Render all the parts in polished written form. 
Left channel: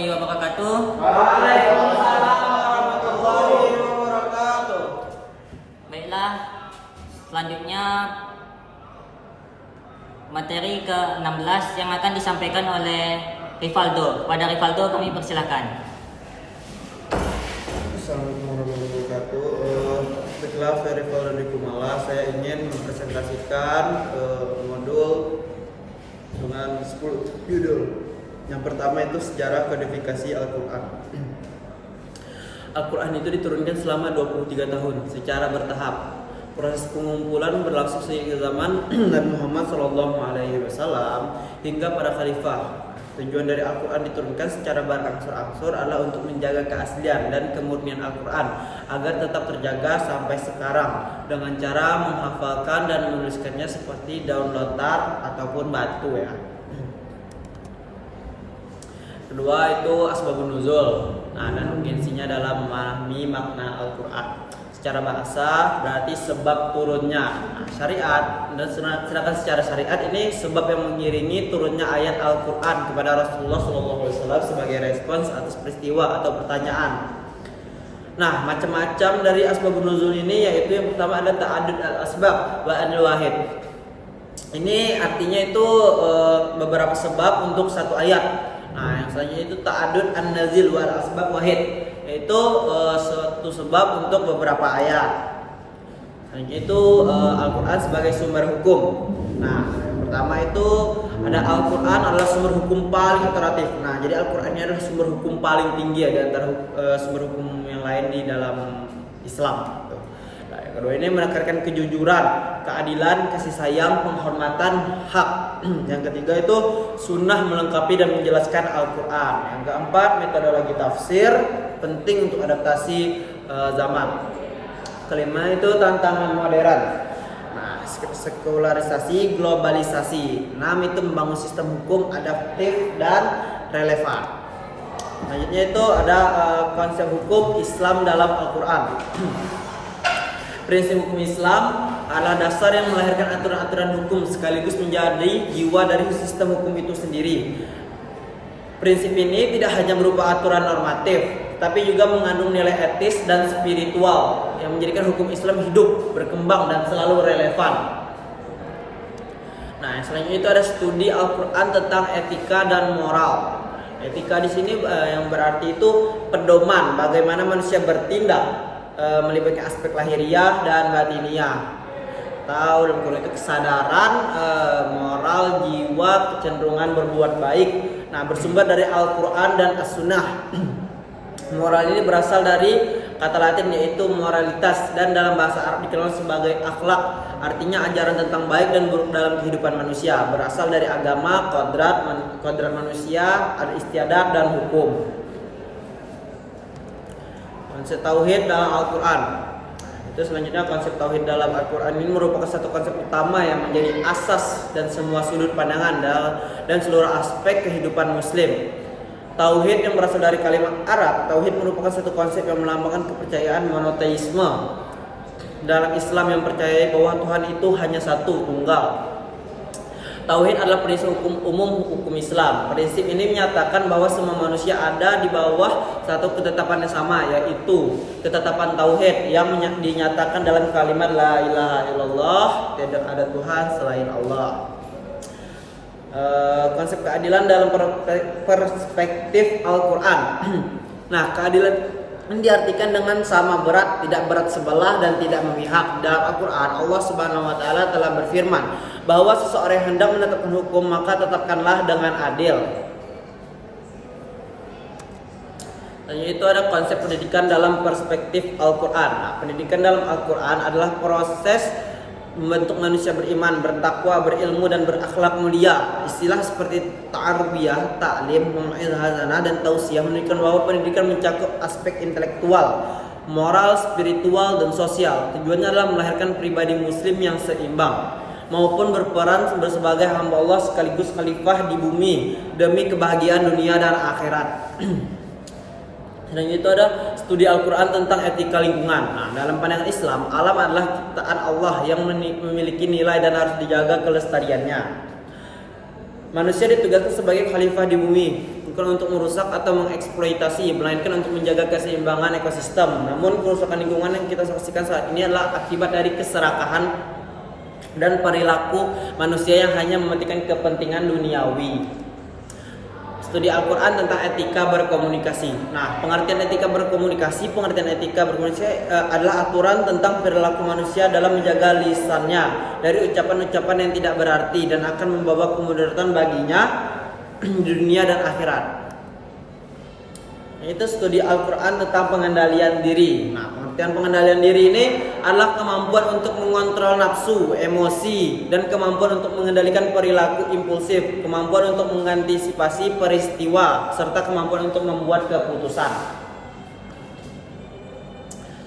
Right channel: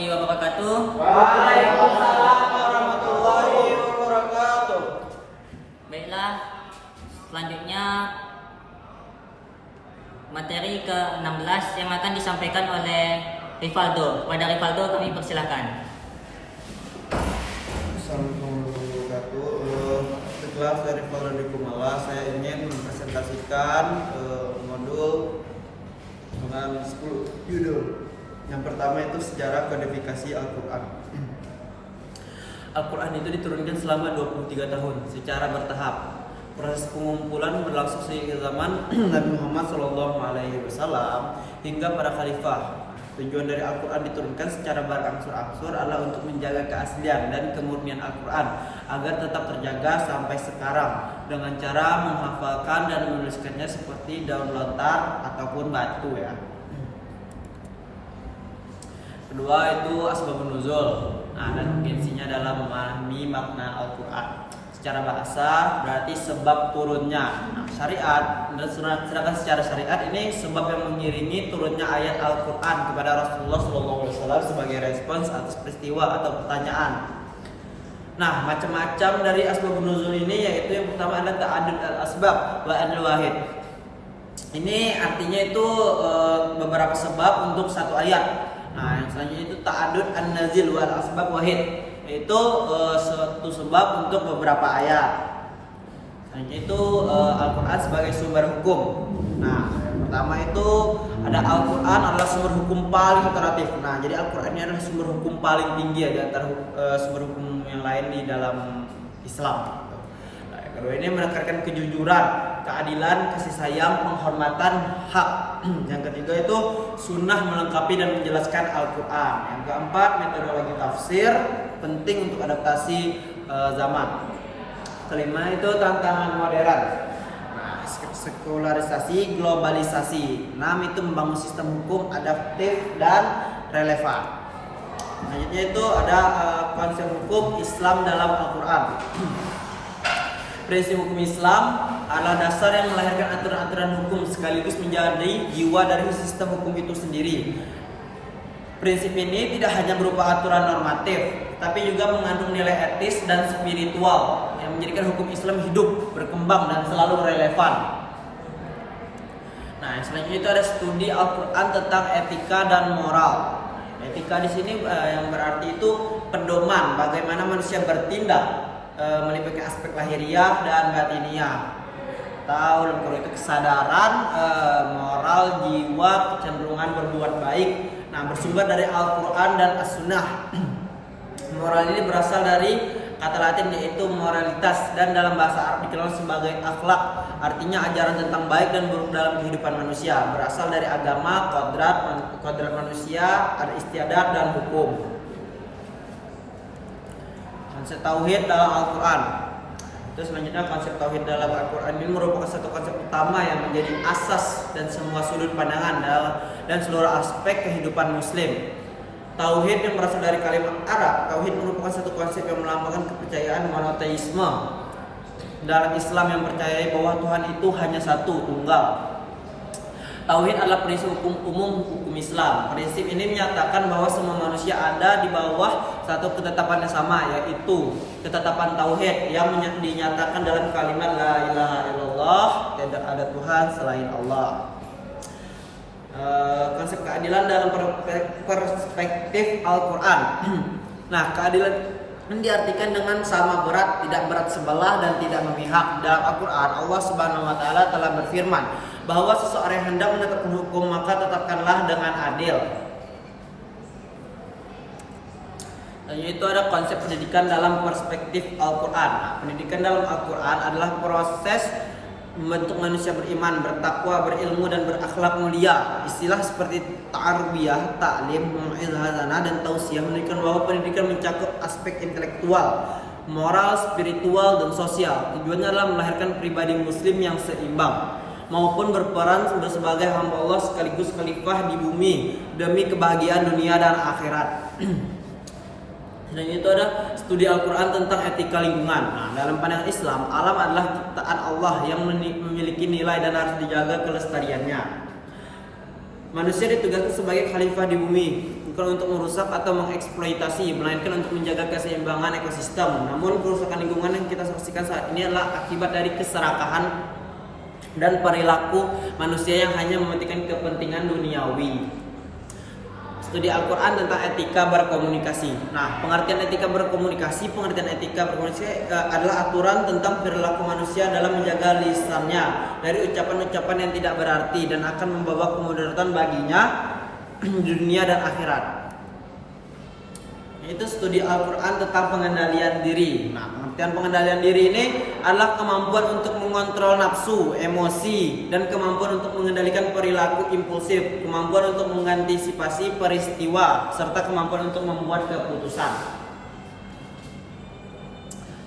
warahmatullahi wabarakatuh. Waalaikumsalam warahmatullahi wabarakatuh. Baiklah, selanjutnya materi ke-16 yang akan disampaikan oleh Rivaldo. Pada Rivaldo kami persilakan. Assalamualaikum warahmatullahi wabarakatuh. Baiklah, saya Rivaldo di Kumala. Saya ingin mempresentasikan modul dengan 10 judul. Yang pertama itu sejarah kodifikasi Al-Quran. Al-Quran itu diturunkan selama 23 tahun secara bertahap. Proses pengumpulan berlangsung sejak zaman Nabi Muhammad SAW hingga para khalifah. Tujuan dari Al-Quran diturunkan secara berangsur-angsur adalah untuk menjaga keaslian dan kemurnian Al-Quran agar tetap terjaga sampai sekarang dengan cara menghafalkan dan menuliskannya seperti daun lontar ataupun batu ya. Kedua itu asbabun nuzul. Dan urgensinya dalam memahami makna Al-Quran. Secara bahasa berarti sebab turunnya. Syariat, dan sedangkan secara syariat ini sebab yang mengiringi turunnya ayat Al-Quran kepada Rasulullah SAW sebagai respons atas peristiwa atau pertanyaan. Nah, macam-macam dari asbabun nuzul ini yaitu yang pertama ada ta'adud al-asbab wa al-wahid. Ini artinya itu beberapa sebab untuk satu ayat. Nah, yang selanjutnya itu ta'adud an-nazil wal asbab wahid, yaitu suatu sebab untuk beberapa ayat. Selanjutnya itu Al-Quran sebagai sumber hukum. Nah, yang pertama itu ada Al-Quran adalah sumber hukum paling otoritatif. Nah, jadi Al-Quran ini adalah sumber hukum paling tinggi ya, di antara sumber hukum yang lain di dalam Islam. Nah, yang kedua ini menekankan kejujuran, keadilan, kasih sayang, penghormatan, hak. Yang ketiga itu sunnah melengkapi dan menjelaskan Al-Quran. Yang keempat metodologi tafsir penting untuk adaptasi zaman. Kelima itu tantangan modern. Nah, sekularisasi, globalisasi. 6 itu membangun sistem hukum adaptif dan relevan. Selanjutnya itu ada konsep hukum Islam dalam Al-Quran. Prinsip hukum Islam adalah dasar yang melahirkan aturan-aturan hukum sekaligus menjadi jiwa dari sistem hukum itu sendiri. Prinsip ini tidak hanya berupa aturan normatif, tapi juga mengandung nilai etis dan spiritual yang menjadikan hukum Islam hidup, berkembang dan selalu relevan. Nah, yang selanjutnya itu ada studi Al-Quran tentang etika dan moral. Etika di sini yang berarti itu pedoman bagaimana manusia bertindak, melibatkan aspek lahiriah dan batiniah. Tahu dalam Quran itu kesadaran, moral, jiwa, kecenderungan berbuat baik. Nah, bersumber dari Al-Quran dan As-Sunnah. Moral ini berasal dari kata Latin yaitu moralitas dan dalam bahasa Arab dikenal sebagai akhlak. Artinya ajaran tentang baik dan buruk dalam kehidupan manusia. Berasal dari agama, kodrat manusia, ada istiadat dan hukum. Konsep tauhid dalam Al-Quran. Itu selanjutnya konsep tauhid dalam Al-Quran ini merupakan satu konsep utama yang menjadi asas dan semua sudut pandangan dan seluruh aspek kehidupan muslim. Tauhid yang berasal dari kalimat Arab, tauhid merupakan satu konsep yang melambangkan kepercayaan monoteisme. Dalam Islam yang percaya bahwa Tuhan itu hanya satu, tunggal. Tauhid adalah prinsip hukum umum hukum Islam. Prinsip ini menyatakan bahwa semua manusia ada di bawah satu ketetapan yang sama, yaitu ketetapan tauhid yang dinyatakan dalam kalimat la ilaha illallah, tidak ada Tuhan selain Allah. Konsep keadilan dalam perspektif Al-Quran. Nah, keadilan ini diartikan dengan sama berat, tidak berat sebelah dan tidak memihak. Dalam Al-Quran Allah Subhanahu wa taala telah berfirman bahwa seseorang yang hendak menetapkan hukum maka tetapkanlah dengan adil. Dan itu ada konsep pendidikan dalam perspektif Al-Quran. Nah, pendidikan dalam Al-Quran adalah proses membentuk manusia beriman, bertakwa, berilmu dan berakhlak mulia. Istilah seperti tarbiyah, taklim, mau'izah dan tausiah menunjukkan bahwa pendidikan mencakup aspek intelektual, moral, spiritual dan sosial. Tujuannya adalah melahirkan pribadi muslim yang seimbang maupun berperan sebagai hamba Allah sekaligus khalifah di bumi demi kebahagiaan dunia dan akhirat. Dan itu ada studi Al-Quran tentang etika lingkungan. Nah, dalam pandangan Islam, alam adalah ciptaan Allah yang memiliki nilai dan harus dijaga kelestariannya. Manusia ditugaskan sebagai khalifah di bumi, bukan untuk merusak atau mengeksploitasi, melainkan untuk menjaga keseimbangan ekosistem. Namun kerusakan lingkungan yang kita saksikan saat ini adalah akibat dari keserakahan dan perilaku manusia yang hanya mementingkan kepentingan duniawi. Studi Al-Quran tentang etika berkomunikasi. Nah, pengertian etika berkomunikasi adalah aturan tentang perilaku manusia dalam menjaga lisannya dari ucapan-ucapan yang tidak berarti dan akan membawa kemudaratan baginya di dunia dan akhirat. Itu studi Al-Quran tentang pengendalian diri. Nah, pengertian pengendalian diri ini adalah kemampuan untuk mengontrol nafsu, emosi, dan kemampuan untuk mengendalikan perilaku impulsif, kemampuan untuk mengantisipasi peristiwa, serta kemampuan untuk membuat keputusan.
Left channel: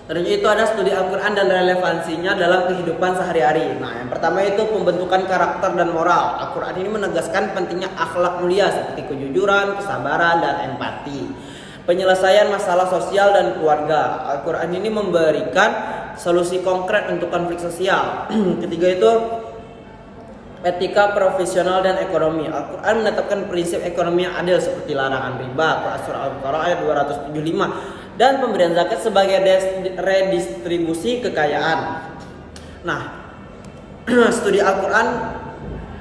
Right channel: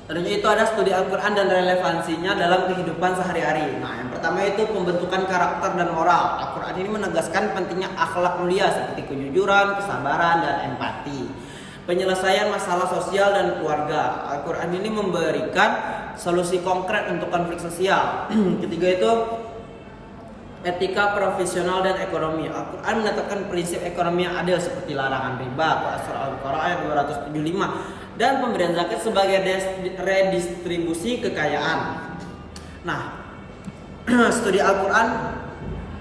Terus itu ada studi Al-Quran dan relevansinya dalam kehidupan sehari-hari. Nah, yang pertama itu pembentukan karakter dan moral. Al-Quran ini menegaskan pentingnya akhlak mulia seperti kejujuran, kesabaran, dan empati. Penyelesaian masalah sosial dan keluarga. Al-Quran ini memberikan solusi konkret untuk konflik sosial. Ketiga itu etika profesional dan ekonomi. Al-Quran menetapkan prinsip ekonomi yang adil seperti larangan riba, surah Al-Baqarah ayat 275, dan pemberian zakat sebagai redistribusi kekayaan. Nah, studi Al-Quran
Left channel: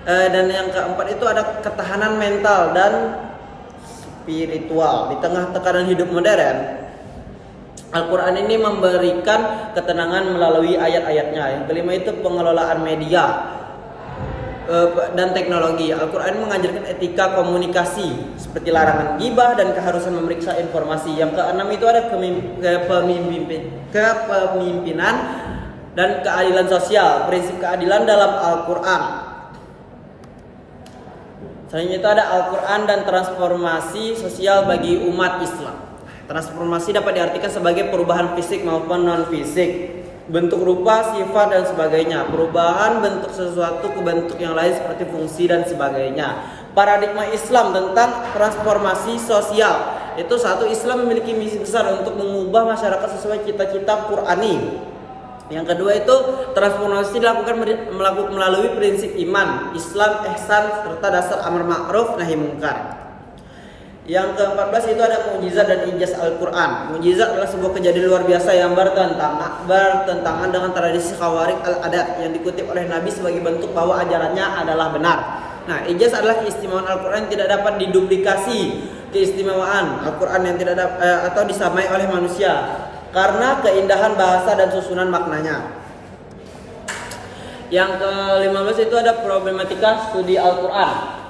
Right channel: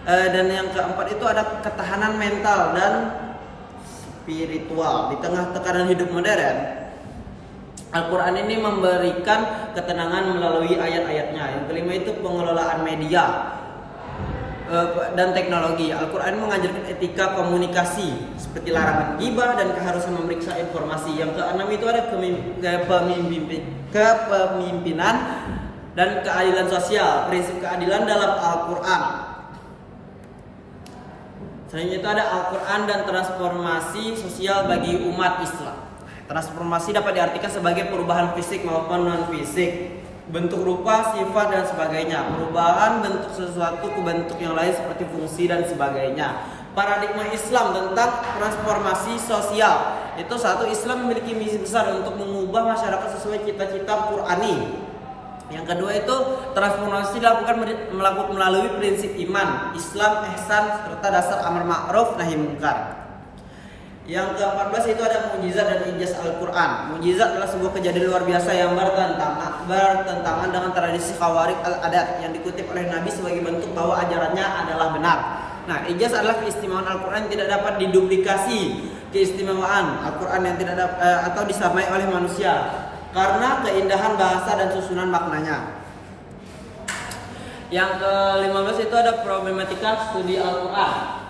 dan yang keempat itu ada ketahanan mental dan spiritual. Di tengah tekanan hidup modern, Al-Quran ini memberikan ketenangan melalui ayat-ayatnya. Yang kelima itu pengelolaan media dan teknologi. Al-Quran mengajarkan etika komunikasi seperti larangan ghibah dan keharusan memeriksa informasi. Yang keenam itu ada kepemimpinan dan keadilan sosial. Prinsip keadilan dalam Al-Quran. Selanjutnya itu ada Al-Quran dan transformasi sosial bagi umat Islam. Transformasi dapat diartikan sebagai perubahan fisik maupun non-fisik, bentuk rupa, sifat, dan sebagainya. Perubahan bentuk sesuatu ke bentuk yang lain seperti fungsi dan sebagainya. Paradigma Islam tentang transformasi sosial. Itu satu, Islam memiliki misi besar untuk mengubah masyarakat sesuai cita-cita Qur'ani. Yang kedua itu transformasi dilakukan melalui prinsip iman, Islam, ihsan, serta dasar amar ma'ruf nahi munkar. Yang ke-14 itu ada mukjizat dan ijaz Al-Quran. Mukjizat adalah sebuah kejadian luar biasa yang bertentangan dengan tradisi khawarij al-adat yang dikutip oleh Nabi sebagai bentuk bahwa ajarannya adalah benar. Nah, ijaz adalah keistimewaan Al-Quran yang tidak dapat diduplikasi. Keistimewaan Al-Quran yang tidak atau disamai oleh manusia karena keindahan bahasa dan susunan maknanya. Yang ke-15 itu ada problematika studi Al-Quran.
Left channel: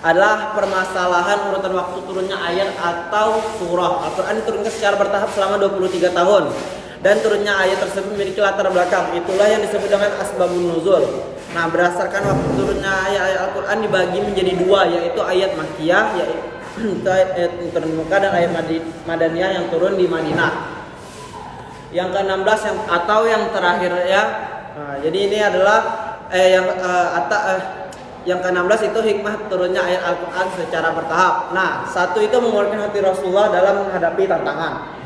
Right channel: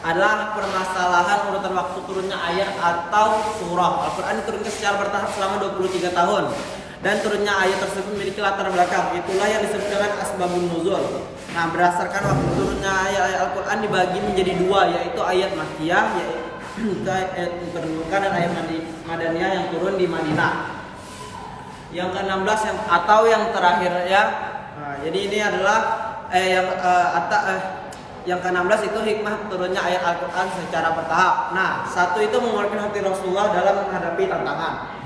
Adalah permasalahan urutan waktu turunnya ayat atau surah. Al-Quran diturunkan secara bertahap selama 23 tahun. Dan turunnya ayat tersebut memiliki latar belakang. Itulah yang disebut dengan asbabun nuzul. Nah, berdasarkan waktu turunnya ayat Al-Quran dibagi menjadi dua, yaitu ayat Makkiyah, yaitu ayat yang turun di Mekah, dan ayat Madaniyah yang turun di Madinah. Yang ke-16 yang terakhir ya. Nah, jadi ini adalah yang ke-16 itu hikmah turunnya ayat Al-Quran secara bertahap. Nah, satu itu menguatkan hati Rasulullah dalam menghadapi tantangan.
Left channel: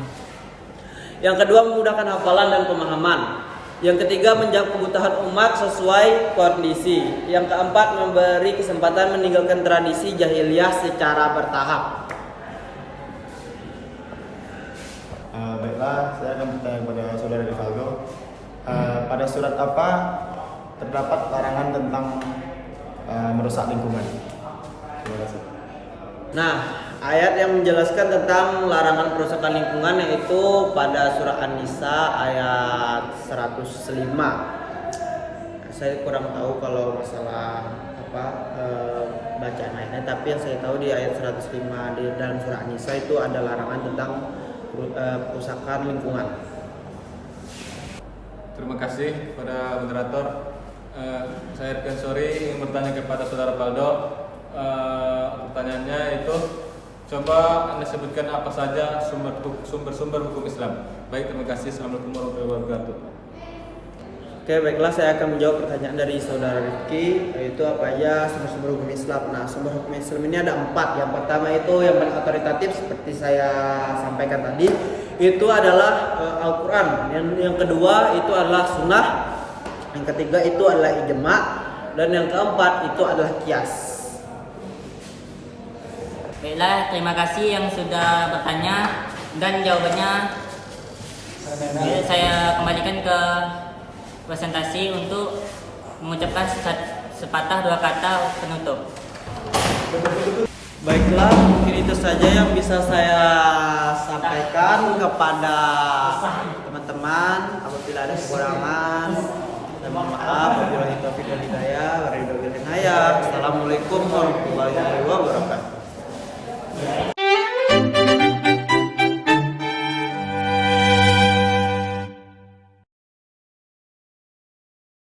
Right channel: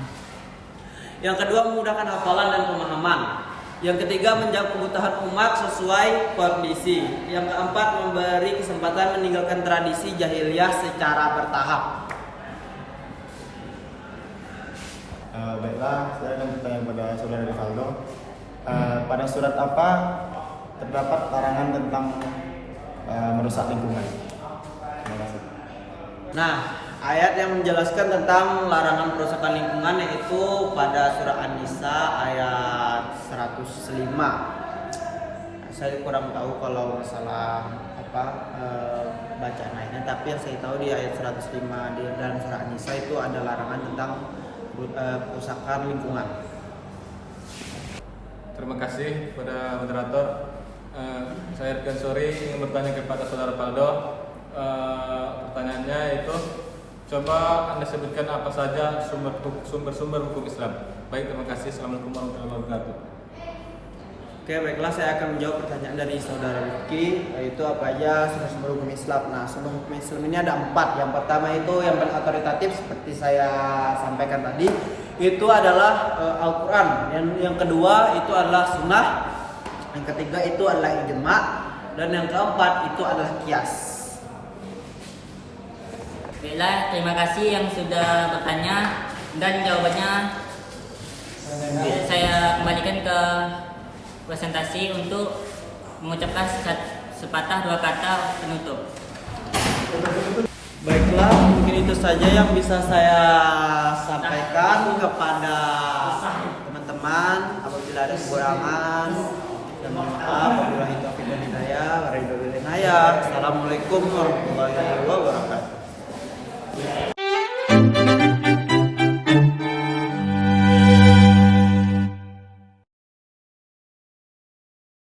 Yang kedua memudahkan hafalan dan pemahaman. Yang ketiga menjawab kebutuhan umat sesuai kondisi. Yang keempat memberi kesempatan meninggalkan tradisi jahiliyah secara bertahap. Baiklah, saya akan bertanya kepada saudara Rivaldo. Pada surat apa terdapat larangan tentang merusak lingkungan? Terima kasih. Nah, Ayat yang menjelaskan tentang larangan perusakan lingkungan yaitu pada surah An-Nisa ayat 105. Saya kurang tahu kalau masalah bacaan ayatnya, tapi yang saya tahu di ayat 105 di dalam surah An-Nisa itu ada larangan tentang perusakan lingkungan. Terima kasih kepada moderator. Saya Irfan Sori ingin bertanya kepada saudara Paldo. Pertanyaannya itu, coba Anda sebutkan apa saja sumber-sumber hukum Islam. Baik, terima kasih. Assalamualaikum warahmatullahi wabarakatuh. Oke, baiklah, saya akan menjawab pertanyaan dari saudara Rifki, yaitu apa aja sumber-sumber hukum Islam. Nah, sumber hukum Islam ini ada 4. Yang pertama itu yang paling otoritatif seperti saya sampaikan tadi, itu adalah Al-Quran. Yang kedua itu adalah Sunnah. Yang ketiga itu adalah ijma, dan yang keempat itu adalah qiyas. Baiklah, terima kasih yang sudah bertanya dan jawabannya saya kembalikan ke presentasi untuk mengucapkan sepatah dua kata penutup. Baiklah, mungkin itu saja yang bisa saya sampaikan kepada teman-teman. Apabila ada kekurangan, dan mohon maaf. Wabillahi taufiq wal hidayah. Assalamualaikum warahmatullahi wabarakatuh.